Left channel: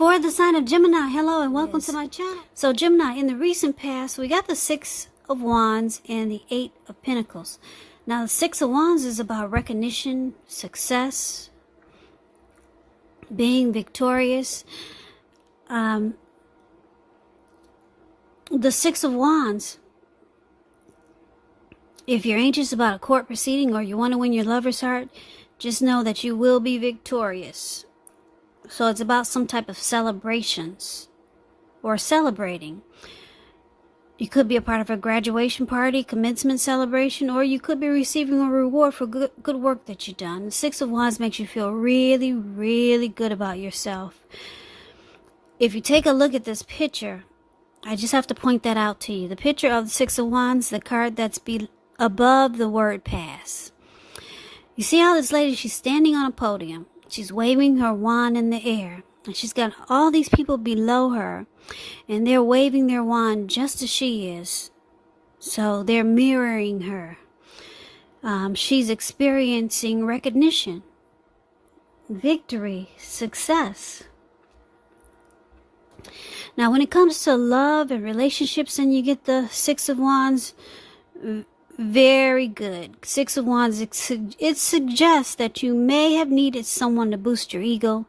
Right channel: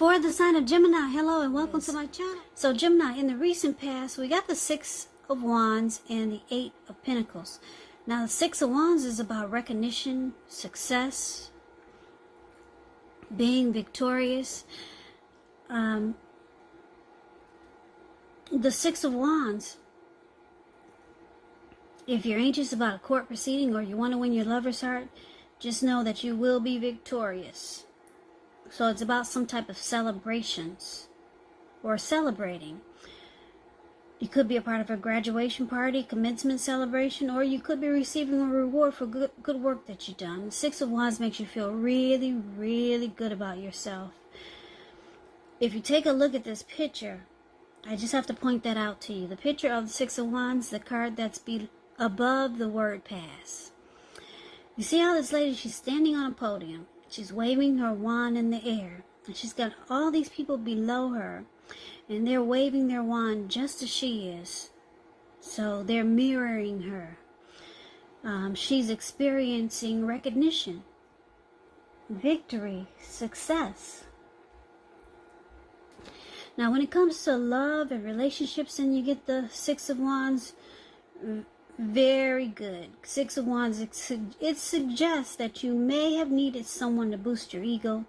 For the sign of Gemini, hello and welcome to my channel. So Gemini, in the recent past, we got the Six of Wands and the Eight of Pentacles. Now the Six of Wands is about recognition, success, being victorious. The Six of Wands, if you're anxious about a court proceeding or you want to win your lover's heart, just know that you will be victorious. So it's about some type of celebrations or celebrating. You could be a part of a graduation party, commencement celebration, or you could be receiving a reward for good work that you've done. The Six of Wands makes you feel really, really good about yourself. If you take a look at this picture, I just have to point that out to you. The picture of the Six of Wands, the card that's above the word pass. You see how this lady, she's standing on a podium. She's waving her wand in the air. And she's got all these people below her. And they're waving their wand just as she is. So they're mirroring her. She's experiencing recognition, victory, success. Now, when it comes to love and relationships and you get the Six of Wands, very good. Six of Wands, it suggests that you may have needed someone to boost your ego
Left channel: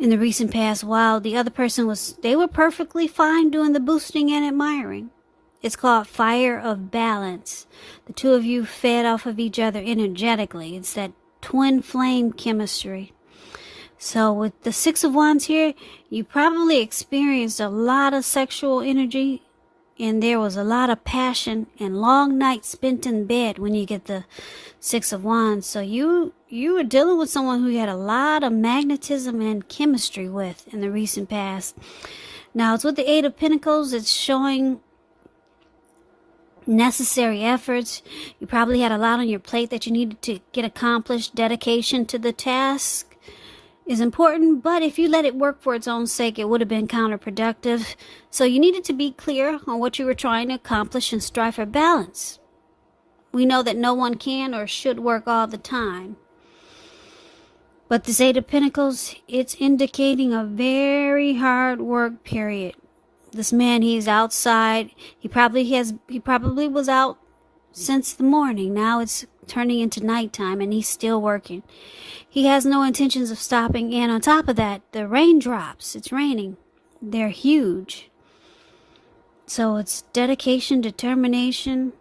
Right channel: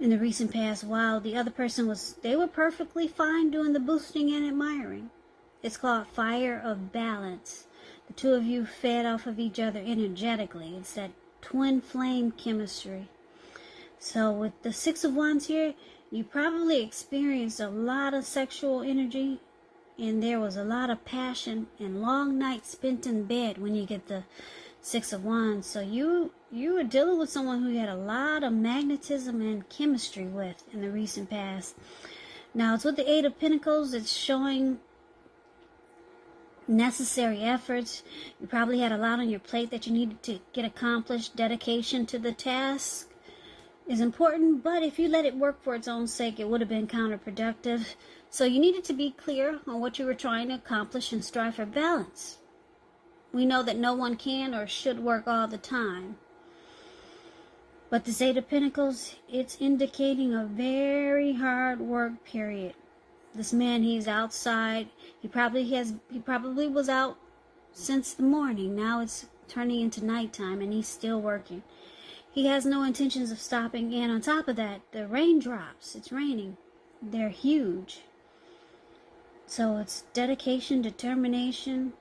in the recent past while the other person they were perfectly fine doing the boosting and admiring. It's called fire of balance. The two of you fed off of each other energetically. It's that twin flame chemistry. So with the Six of Wands here, you probably experienced a lot of sexual energy, and there was a lot of passion and long nights spent in bed when you get the Six of Wands. So you were dealing with someone who you had a lot of magnetism and chemistry with in the recent past. Now it's with the Eight of Pentacles. It's showing necessary efforts. You probably had a lot on your plate that you needed to get accomplished. Dedication to the task is important, but if you let it work for its own sake, it would have been counterproductive. So you needed to be clear on what you were trying to accomplish and strive for balance. We know that no one can or should work all the time. But this Eight of Pentacles, it's indicating a very hard work period. This man, he's outside. He probably was out since the morning. Now it's turning into nighttime and he's still working. He has no intentions of stopping, and on top of that, the raindrops, it's raining, they're huge. So it's dedication, determination,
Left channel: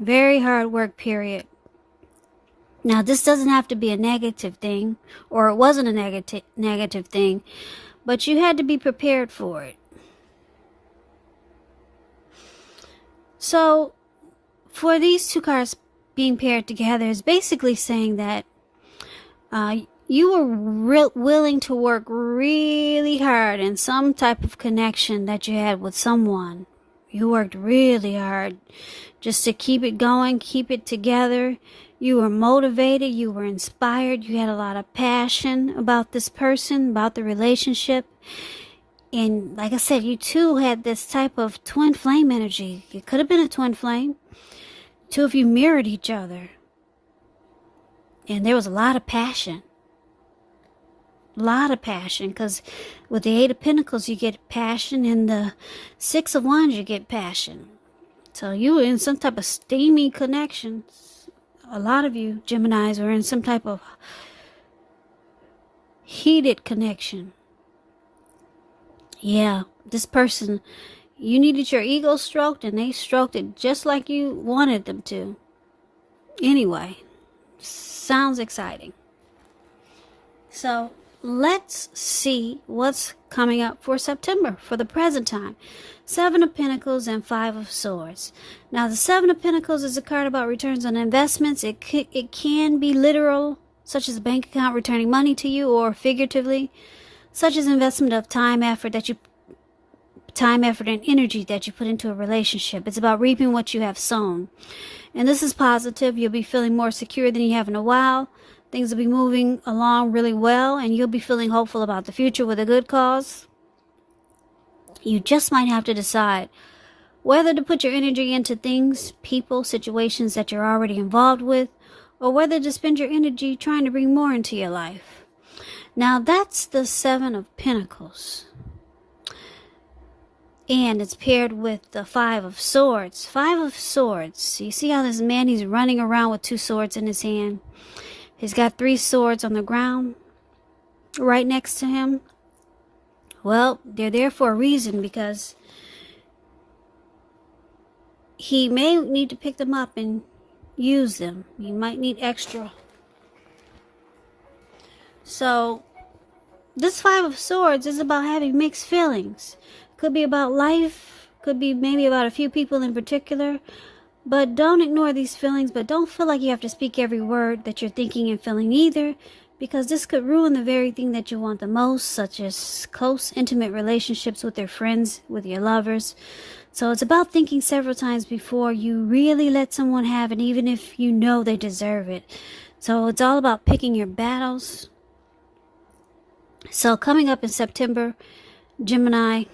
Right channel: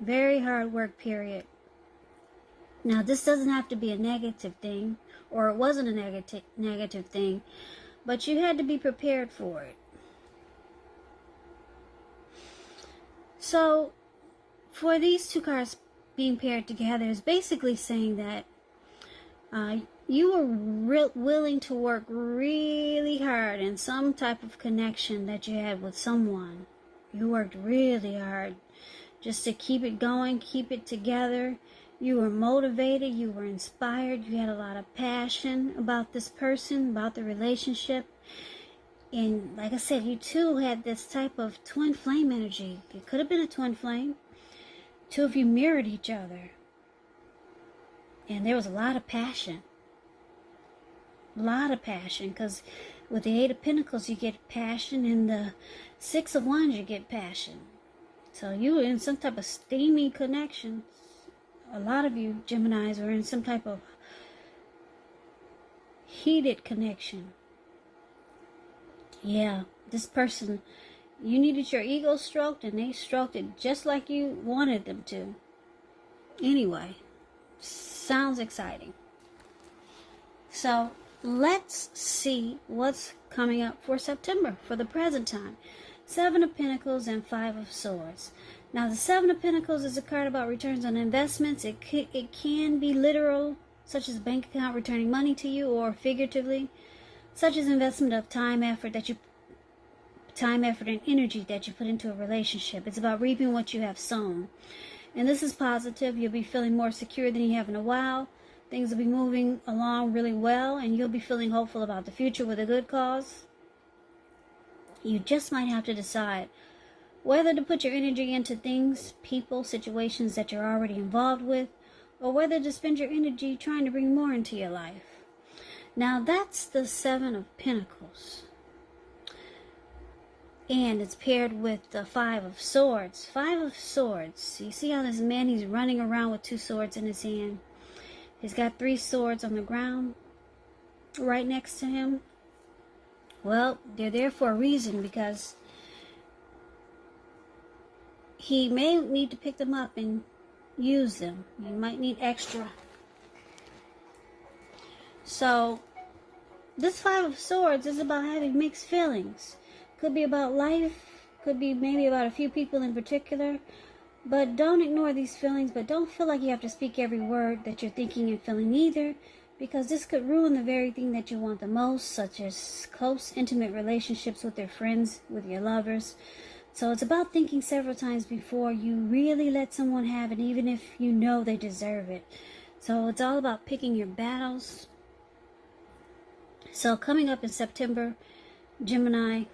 very hard work period. Now this doesn't have to be a negative thing, or it wasn't a negative thing, but you had to be prepared for it. So for these two cards being paired together is basically saying that you were willing to work really hard in some type of connection that you had with someone. You worked really hard just to keep it going, keep it together. You were motivated, you were inspired, you had a lot of passion about this person, about the relationship. And like I said, you two had this type of twin flame energy. It could have been a twin flame. Two of you mirrored each other. And there was a lot of passion. A lot of passion. Because with the Eight of Pentacles, you get passion. And the Six of Wands, you get passion. So you were in some type of steamy connection. A lot of you Geminis were in some type of heated connection. Yeah, this person, you needed your ego stroked. And they stroked it just like you wanted them to. Anyway. Sounds exciting. So let's see what's coming up for September for the present time. Seven of Pentacles and Five of Swords. Now the Seven of Pentacles is a card about returns on investments. It can be literal, such as a bank account returning money to you, or figuratively, such as investment of time, effort, and energy that you put into a relationship. It's about reaping what you have sown. And this is positive. You'll be feeling more secure than you have in a while. Things will be moving along really well, and you'll be feeling hopeful about the future with a good cause. You just might have to decide whether to put your energy into things, people, situations that you're already involved with, or whether to spend your energy trying to bring more into your life. Now that's the Seven of Pentacles. And it's paired with the Five of Swords. Five of Swords. You see how this man, he's running around with 2 swords in his hand. He's got 3 swords on the ground right next to him. Well, they're there for a reason, because he may need to pick them up and use them. He might need extra. So this Five of Swords is about having mixed feelings. Could be about life, could be maybe about a few people in particular, but don't ignore these feelings. But don't feel like you have to speak every word that you're thinking and feeling either, because this could ruin the very thing that you want the most, such as close, intimate relationships with your friends, with your lovers. So it's about thinking several times before you really let someone have it, even if you know they deserve it. So it's all about picking your battles. So coming up in September, Gemini,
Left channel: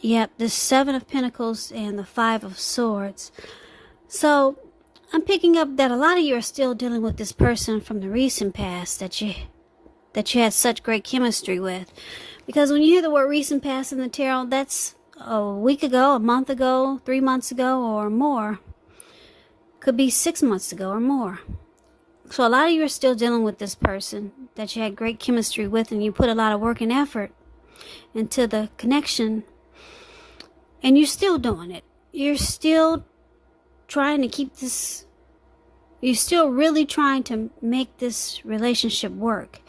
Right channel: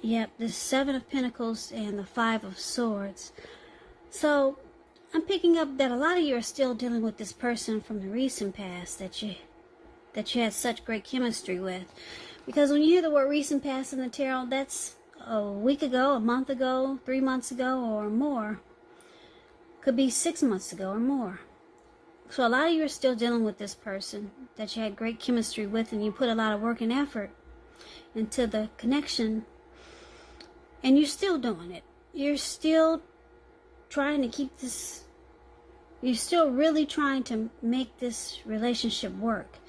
yep, the Seven of Pentacles and the Five of Swords. So I'm picking up that a lot of you are still dealing with this person from the recent past that you had such great chemistry with. Because when you hear the word recent past in the tarot, that's a week ago, a month ago, 3 months ago, or more. Could be 6 months ago or more. So a lot of you are still dealing with this person that you had great chemistry with, and you put a lot of work and effort into the connection, and you're still doing it. You're still trying to keep this, you're still really trying to make this relationship work.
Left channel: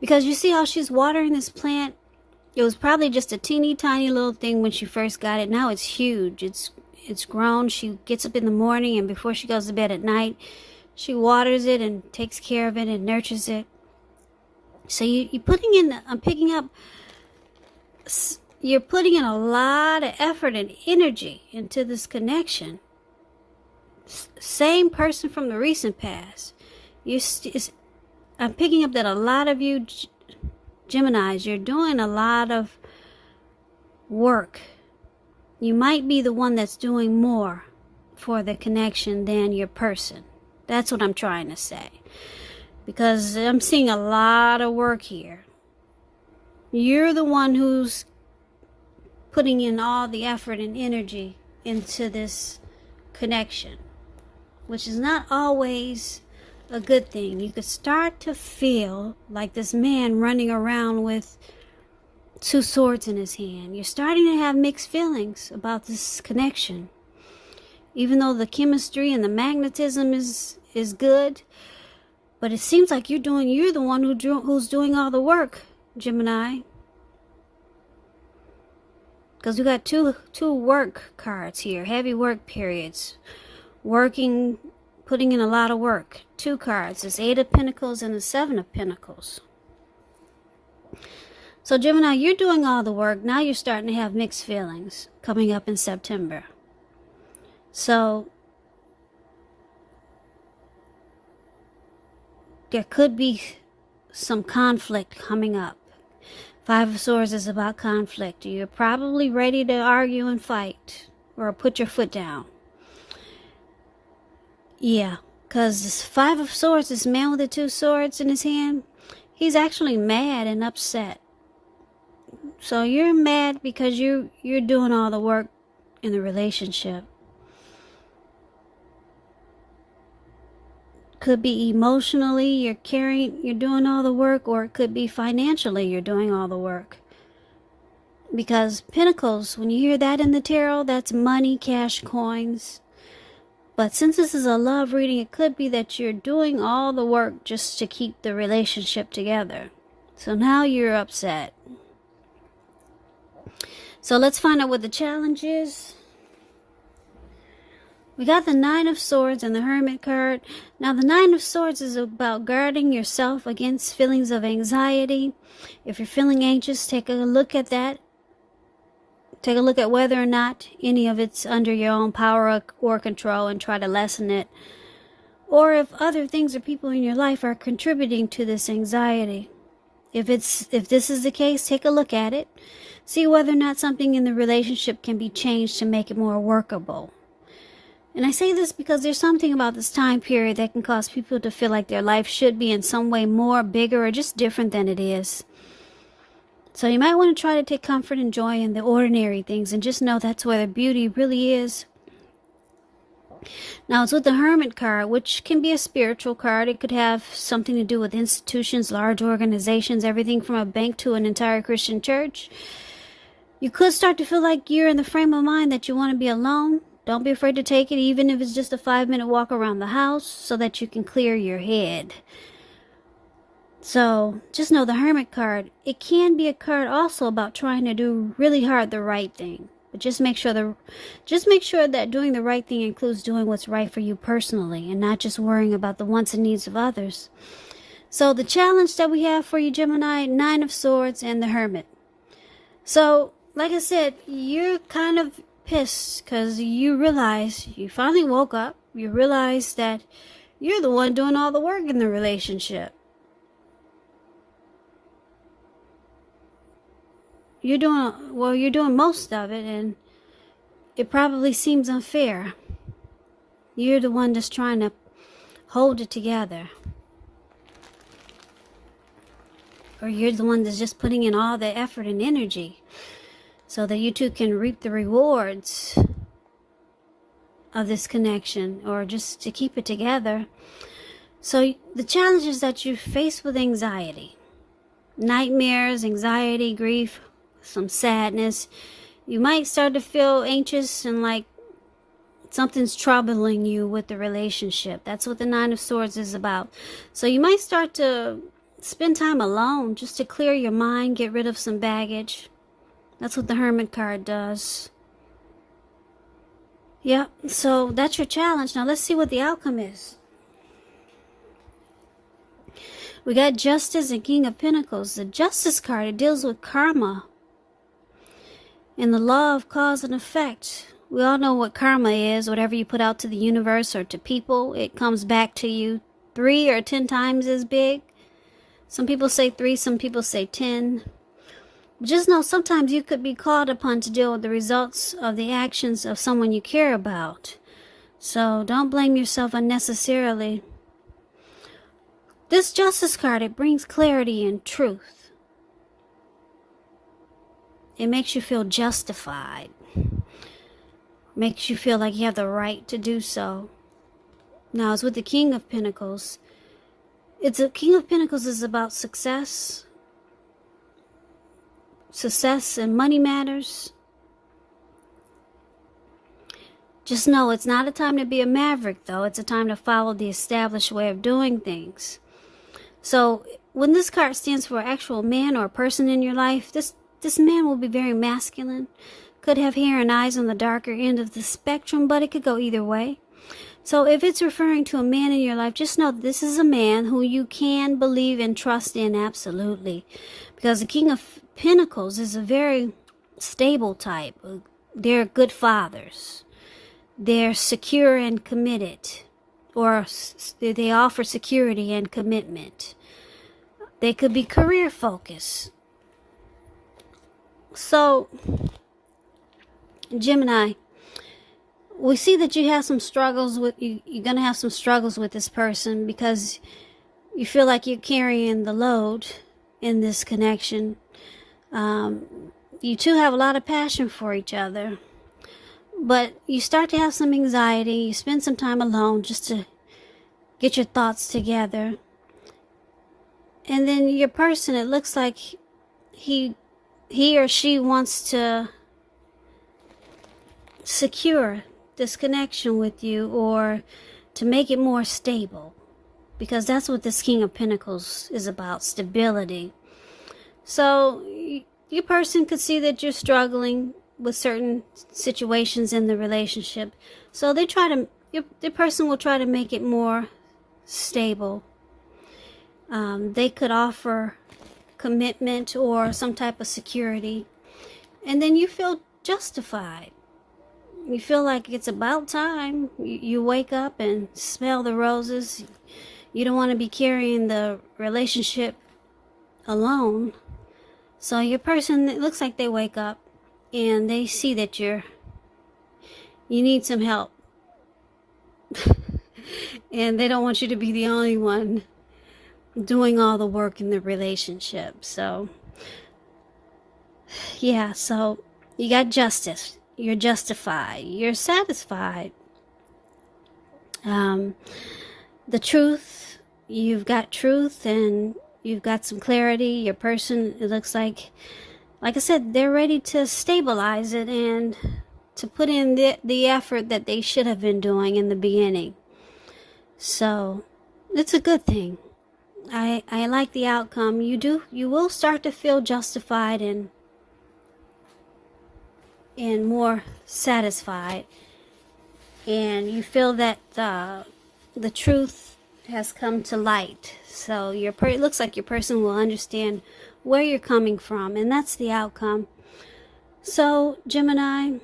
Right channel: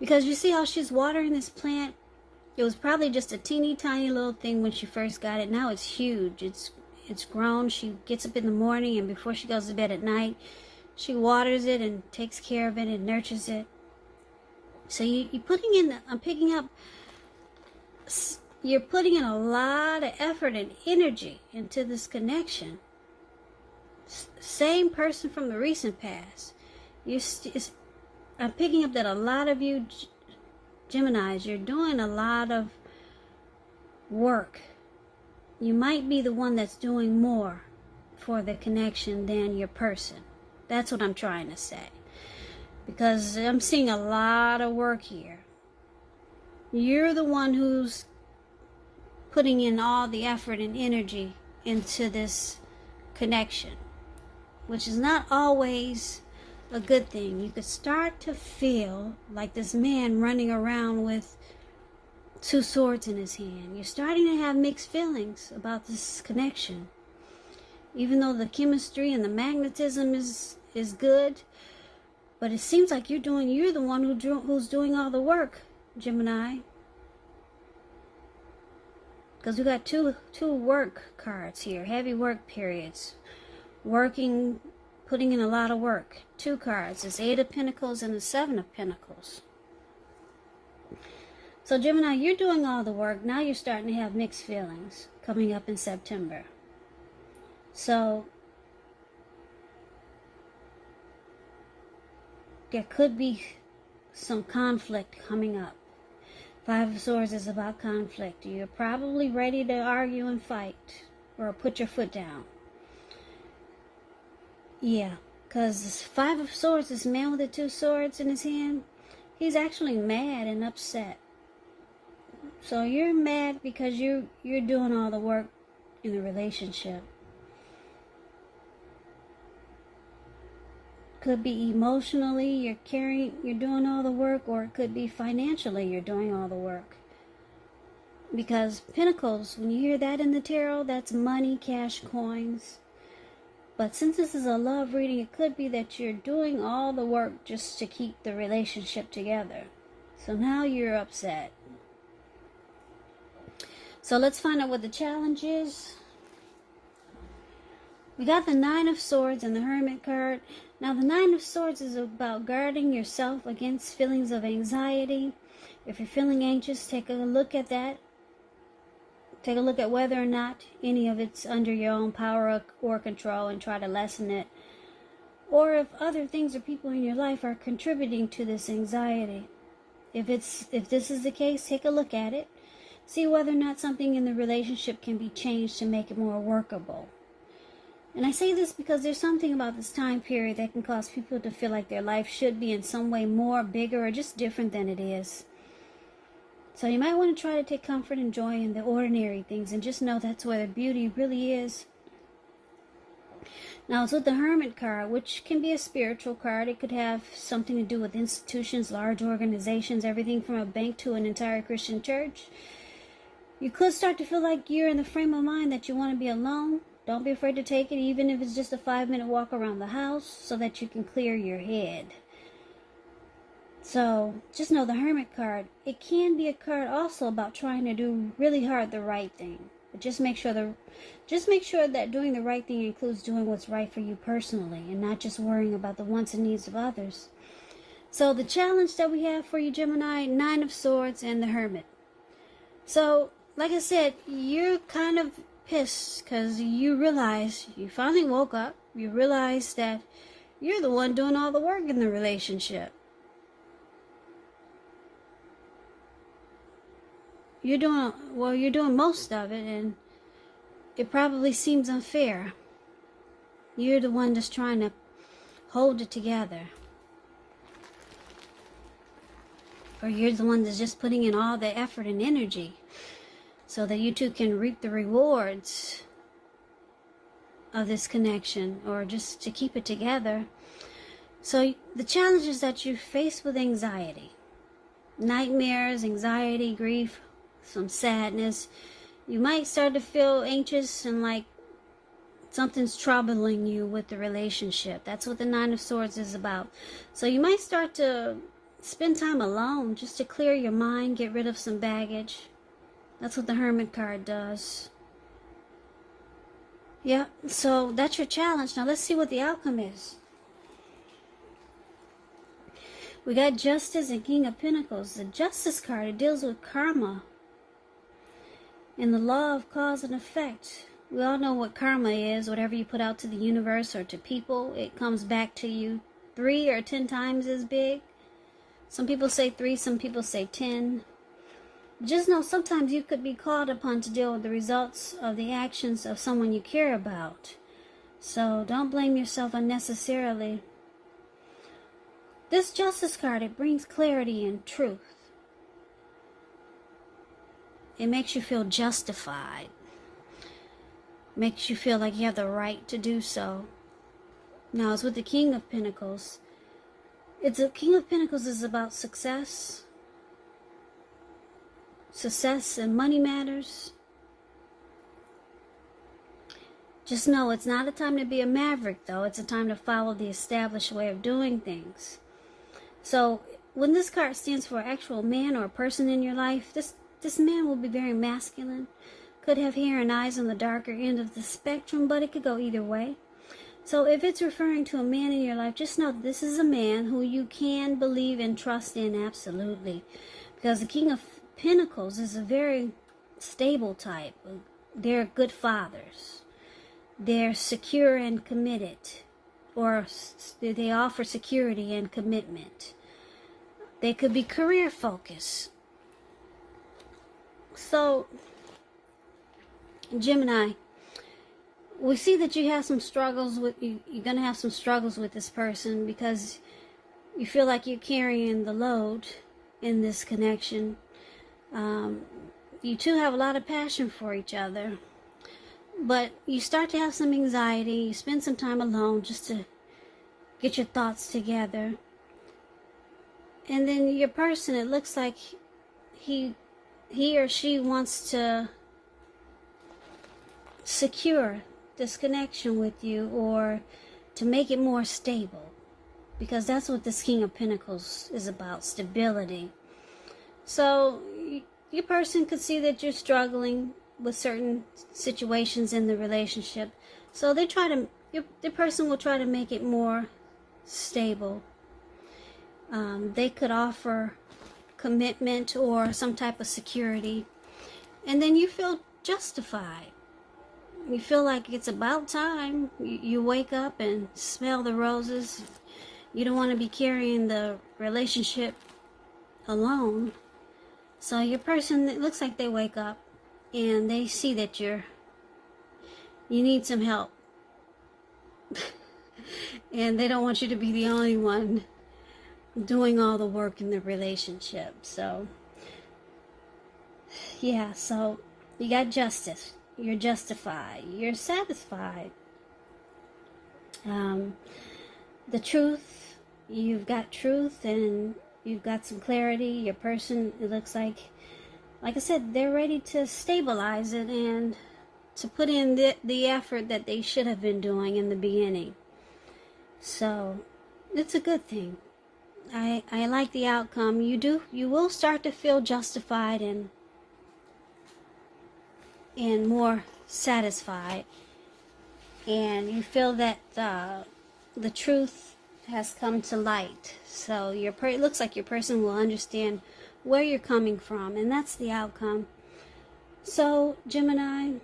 Because you see how she's watering this plant? It was probably just a teeny tiny little thing when she first got it. Now it's huge. It's grown. She gets up in the morning, and before she goes to bed at night, she waters it and takes care of it and nurtures it. So you're putting in, I'm picking up, you're putting in a lot of effort and energy into this connection. Same person from the recent past. I'm picking up that a lot of you Geminis, you're doing a lot of work. You might be the one that's doing more for the connection than your person. That's what I'm trying to say. Because I'm seeing a lot of work here. You're the one who's putting in all the effort and energy into this connection, which is not always a good thing. You could start to feel like this man running around with 2 swords in his hand. You're starting to have mixed feelings about this connection. Even though the chemistry and the magnetism is good, but it seems like you're the one who's doing all the work, Gemini. Because we got two work cards here, heavy work periods, working, putting in a lot of work. 2 cards, this 8 of Pentacles and the 7 of Pentacles. So Gemini, you're doing all the work. Now you're starting to have mixed feelings coming up in September. So there could be some conflict coming up. 5 of Swords is about conflict. You're probably ready to argue and fight or put your foot down. Yeah, because this 5 of Swords, this man with the 2 swords in his hand, he's actually mad and upset. So you're mad because you're doing all the work in the relationship. Could be emotionally, you're doing all the work, or it could be financially, you're doing all the work. Because Pentacles, when you hear that in the tarot, that's money, cash, coins. But since this is a love reading, it could be that you're doing all the work just to keep the relationship together. So now you're upset. So let's find out what the challenge is. We got the 9 of Swords and the Hermit card. Now the 9 of Swords is about guarding yourself against feelings of anxiety. If you're feeling anxious, take a look at that. Take a look at whether or not any of it's under your own power or control and try to lessen it. Or if other things or people in your life are contributing to this anxiety. If this is the case, take a look at it. See whether or not something in the relationship can be changed to make it more workable. And I say this because there's something about this time period that can cause people to feel like their life should be in some way more, bigger, or just different than it is. So you might want to try to take comfort and joy in the ordinary things and just know that's where the beauty really is. Now it's with the Hermit card, which can be a spiritual card. It could have something to do with institutions, large organizations, everything from a bank to an entire Christian church. You could start to feel like you're in the frame of mind that you want to be alone. Don't be afraid to take it, even if it's just a 5-minute walk around the house, so that you can clear your head. So just know the Hermit card, it can be a card also about trying to do really hard the right thing. But just make sure that doing the right thing includes doing what's right for you personally and not just worrying about the wants and needs of others. So the challenge that we have for you, Gemini, 9 of Swords and the Hermit. So, like I said, you're kind of pissed because you realize, you finally woke up, you realize that you're the one doing all the work in the relationship. You're doing most of it, and it probably seems unfair. You're the one that's trying to hold it together. Or you're the one that's just putting in all the effort and energy so that you two can reap the rewards of this connection, or just to keep it together. So the challenge is that you're faced with anxiety. Nightmares, anxiety, grief, some sadness. You might start to feel anxious and like something's troubling you with the relationship. That's what the 9 of Swords is about. So you might start to spend time alone just to clear your mind, get rid of some baggage. That's what the Hermit card does. Yeah, so that's your challenge. Now let's see what the outcome is. We got Justice and King of Pentacles. The Justice card, it deals with karma and the law of cause and effect. We all know what karma is. Whatever you put out to the universe or to people, it comes back to you 3 or 10 times as big. Some people say 3, some people say 10. Just know sometimes you could be called upon to deal with the results of the actions of someone you care about. So don't blame yourself unnecessarily. This Justice card, it brings clarity and truth. It makes you feel justified. Makes you feel like you have the right to do so. Now it's with the King of Pentacles. King of Pentacles is about success. Success and money matters. Just know it's not a time to be a maverick, though. It's a time to follow the established way of doing things. So when this card stands for an actual man or a person in your life, this man will be very masculine. Could have hair and eyes on the darker end of the spectrum, but it could go either way. So if it's referring to a man in your life, just know this is a man who you can believe and trust in absolutely. Because the King of Pentacles is a very stable type. They're good fathers. They're secure and committed. Or they offer security and commitment. They could be career focused. So, Gemini, we see that you have some struggles with you're gonna have some struggles with this person because you feel like you're carrying the load in this connection. You two have a lot of passion for each other, but you start to have some anxiety. You spend some time alone just to get your thoughts together, and then your person, it looks like he or she wants to secure this connection with you, or to make it more stable, because that's what this King of Pentacles is about, stability. So your person could see that you're struggling with certain situations in the relationship, so the person will try to make it more stable. They could offer commitment or some type of security, and then you feel justified. You feel like it's about time. You wake up and smell the roses. You don't want to be carrying the relationship alone. So your person, it looks like they wake up and they see that you need some help. And they don't want you to be the only one doing all the work in the relationship. So yeah, so you got justice, you're justified, you're satisfied. The truth, you've got truth, and you've got some clarity. Your person, it looks like I said, they're ready to stabilize it and to put in the effort that they should have been doing in the beginning. So it's a good thing. I like the outcome. You will start to feel justified and more satisfied, and you feel that the truth has come to light. So it looks like your person will understand where you're coming from, and that's the outcome. So Gemini,